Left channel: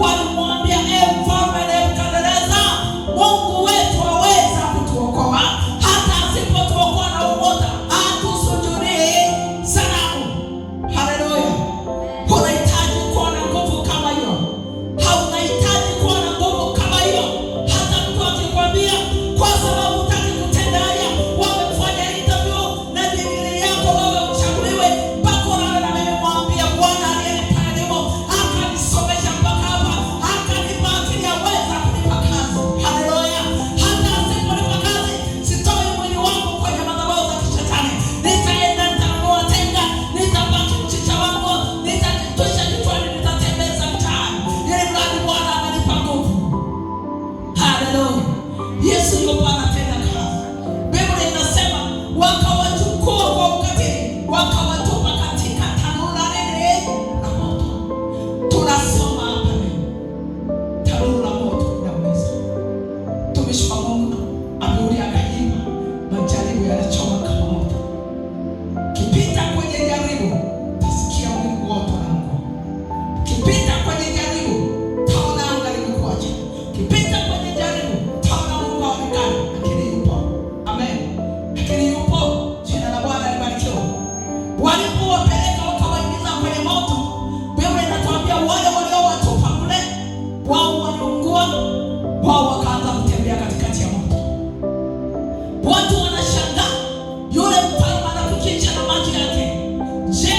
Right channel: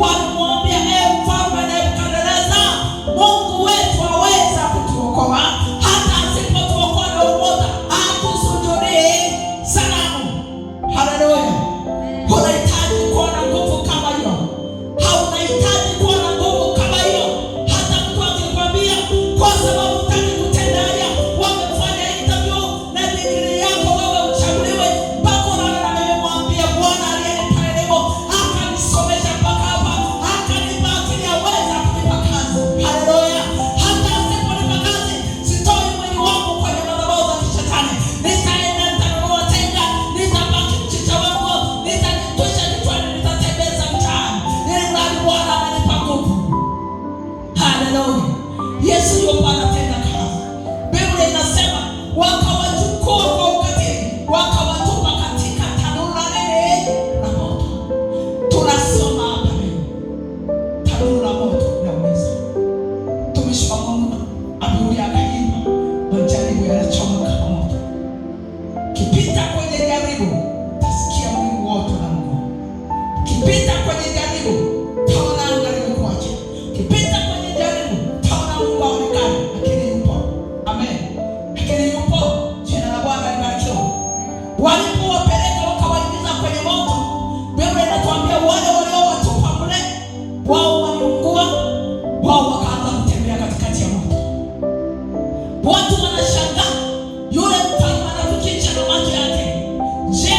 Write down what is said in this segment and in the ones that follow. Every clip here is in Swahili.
walimwambia, mfalme Nebukadneza, Mungu wetu aweza kutuokoa, hata asipotuokoa na umoja hatusujudie sanamu. Haleluya. Unahitaji kuwa na nguvu kama hiyo. Haunahitaji kuwa na nguvu kama hiyo. Hata mtu akikwambia kwa sababu hutaki kutenda haya, wamefanya interview na degree yako wewe uchaguliwe, mpaka na nimemwambia Bwana aliyenipa elimu akanisomesha mpaka hapa, akanipa akili ya uweza kunipa kazi. Haleluya. Hata asiponipa kazi, sitoi mwili wangu kwenye madhabahu za kishetani. Nitaenda nitanunua tenga, nitabaki mchicha wangu, nitajitwisha kichwani, nitatembeza mtaani, ili mradi Bwana amenipa nguvu. Haleluya. Yesu yupo anatenda kazi. Biblia inasema wakawachukua kwa ukatili, wakawatupa katika tanuru la nini? La moto. Tunasoma hapa leo, tanuru la moto linaumiza. Mtumishi wa Mungu Abdul akaimba, majaribu yanachoma kama moto. Kipita kwenye jaribu, tasikia Mungu wote anakuwa. Kipita kwenye jaribu, taona anga limekuacha. Kipita kwenye jaribu, taona Mungu aonekane, lakini yupo. Amen. Lakini yupo. Jina la Bwana libarikiwe. Walipowapeleka wakawaingiza kwenye moto, Biblia inatuambia wale waliowatupa mle, wao waliungua, wao wakaanza kutembea katikati ya moto. Watu wanashangaa, yule mfalme anafikisha na macho yake. Je,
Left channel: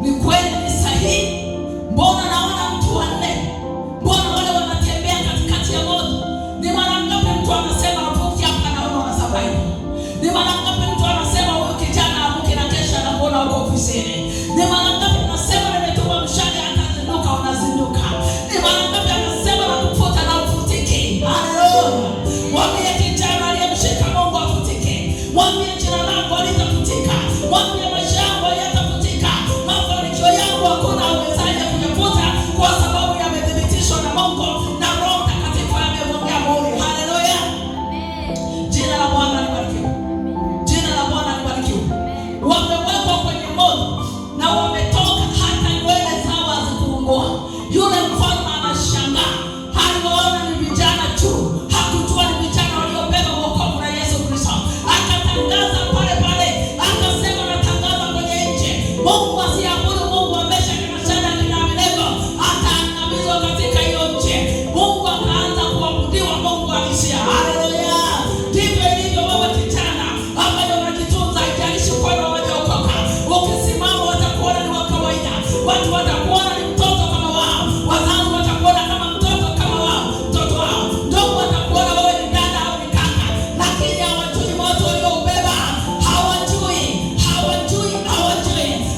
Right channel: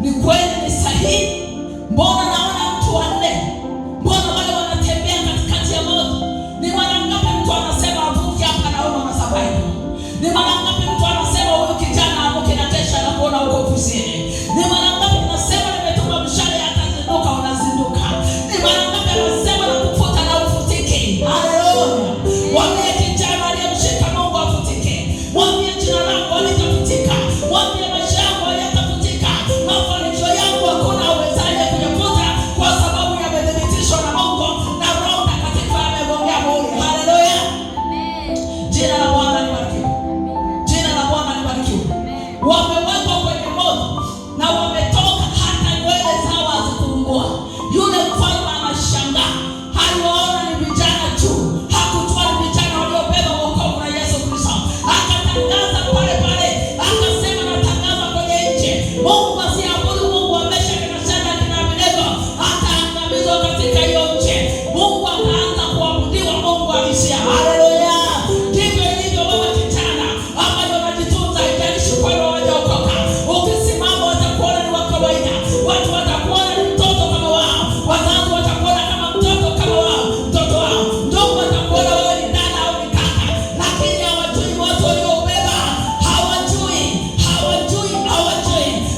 ni kweli ni sahihi? Mbona naona mtu wanne? Mbona wale wanatembea katikati ya moto? Ni mara ngapi mtu anasema avuki hapa na wewe unasabai? Ni mara ngapi mtu anasema huyu kijana avuki na kesha na kuona uko ofisini? Ni mara ngapi unasema nimetuma mshale atazinduka unazinduka? Ni mara ngapi anasema nakufuta na ufutiki? Haleluya. Mwambie kijana aliyemshika Mungu afutike. Mwambie jina langu halitafutika. Mwambie maisha yangu hayatafutika. Mafanikio yangu hakuna awezaye kuyafuta, kwa sababu yamethibitishwa na Mungu na Roho Mtakatifu amegongea muhuri. Haleluya. Jina la Bwana libarikiwe. Jina la Bwana libarikiwe. Wamewekwa kwenye moto na wametoka, hata nywele zao hazikuungua. Yule mfalme anashangaa, aliwaona ni vijana tu, hakujua ni vijana waliobeba wokovu na Yesu Kristo. Akatangaza pale pale, akasema natangaza kwenye nchi, Mungu asiabudu Mungu wa Meshaki na Shadraka na Abednego ataangamizwa katika hiyo nchi. Mungu akaanza kuabudiwa, Mungu alisia. Haleluya. Ndivyo ilivyo baba kijana ambaye unajitunza, haijalishi kwamba wajaokoka. Ukisimama watakuona ni wa kawaida. Watu watakuona ni mtoto kama wao. Wazazi watakuona kama mtoto kama wao, mtoto wao. Ndugu watakuona wewe ni dada au ni kaka, lakini hawajui moto ulioubeba. Hawajui.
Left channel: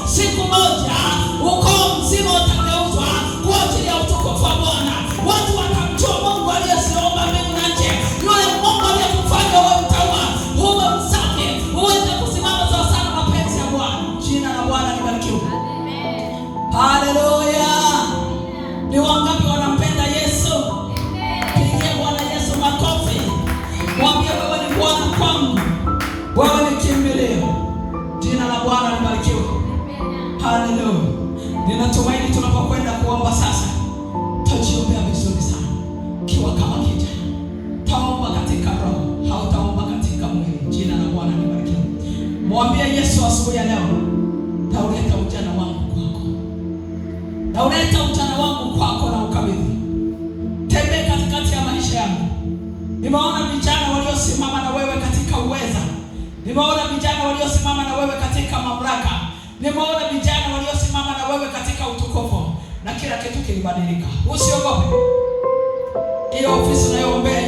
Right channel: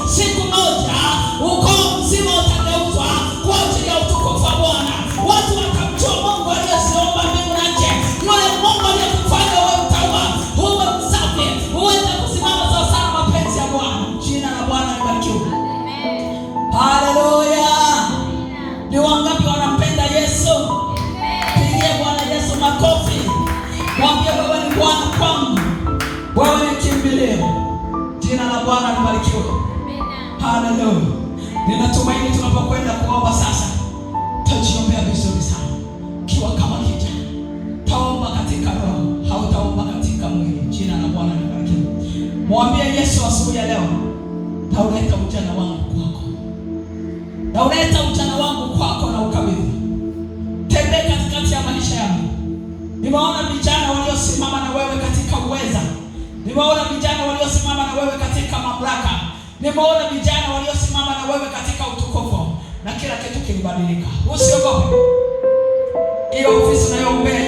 Siku moja ukoo mzima utageuzwa kwa ajili ya utukufu wa Bwana. Watu watamjua Mungu aliyeziumba mbingu na nchi, yule Mungu aliyekufanya wewe utaua, uwe msafi, uweze kusimama sawa sawa na mapenzi ya Bwana. Jina la Bwana libarikiwe. Haleluya. Ni wangapi wanampenda Yesu? Pigie Bwana Yesu makofi. Mwambie wewe ni Bwana kwangu, wewe ni kimbilio. Jina la Bwana libarikiwe. Haleluya. Ninatumaini tunapokwenda kuomba sasa, tajiombea vizuri sana. Kiwa kama kijana, taomba katika roho, hautaomba katika mwili. Jina la Bwana libarikiwe. Mwambie Yesu asubuhi ya leo, nauleta ujana wangu kwako. Nauleta ujana wangu kwako na ukabidhi. Tembea katikati ya maisha yangu. Nimeona vijana waliosimama na wewe katika uweza. Nimeona vijana waliosimama na wewe katika mamlaka. Nimeona vijana waliosimama na wewe katika utukufu, na kila kitu kilibadilika. Usiogope. Hiyo ofisi unayoombea